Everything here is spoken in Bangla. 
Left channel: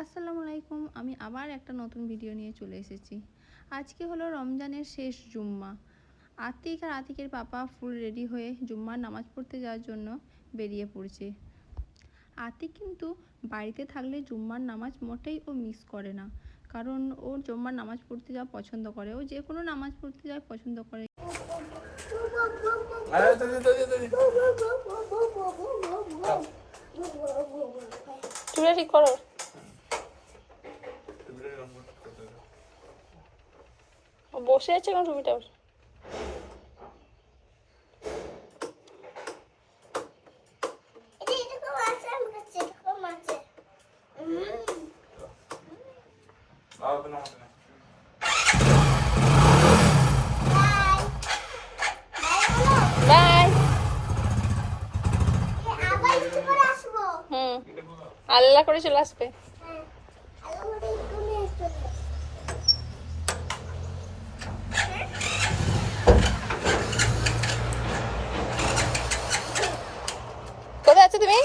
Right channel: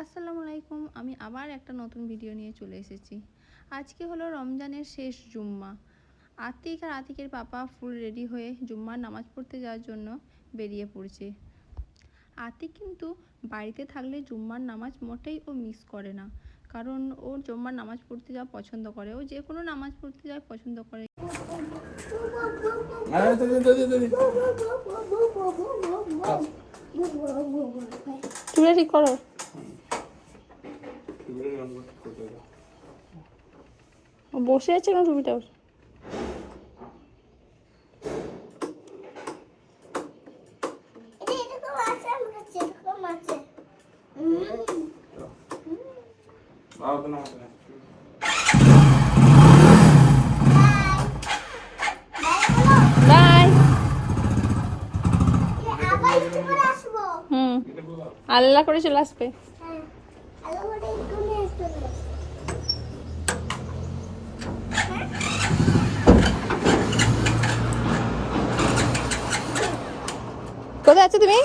আসসালামু আলাইকুম। আমি আবার একটা নতুন ভিডিও নিয়ে চলে এসেছি। আজকে হলো রমজানের শেষ জুম্মা। আতিক আর আতিকের পাপা ফুল রেডি হয়ে জুম্মার নামাজ পড়তে যাওয়ার জন্য বেরিয়ে পড়ছে। আতিক কিন্তু বাড়িতে থাকলে জুম্মার নামাজ মোটেই ও মিস করে না, কারণ ও জুম্মার নামাজ পড়তে যাওয়া পছন্দ করে। ও যে কোনো নামাজ পড়তে যাওয়া পছন্দ করে। ঠিক করো। বসে আছে না টুপিটা? আল্লাহ করে চলে আসবে। কোথায় আছো তুমি?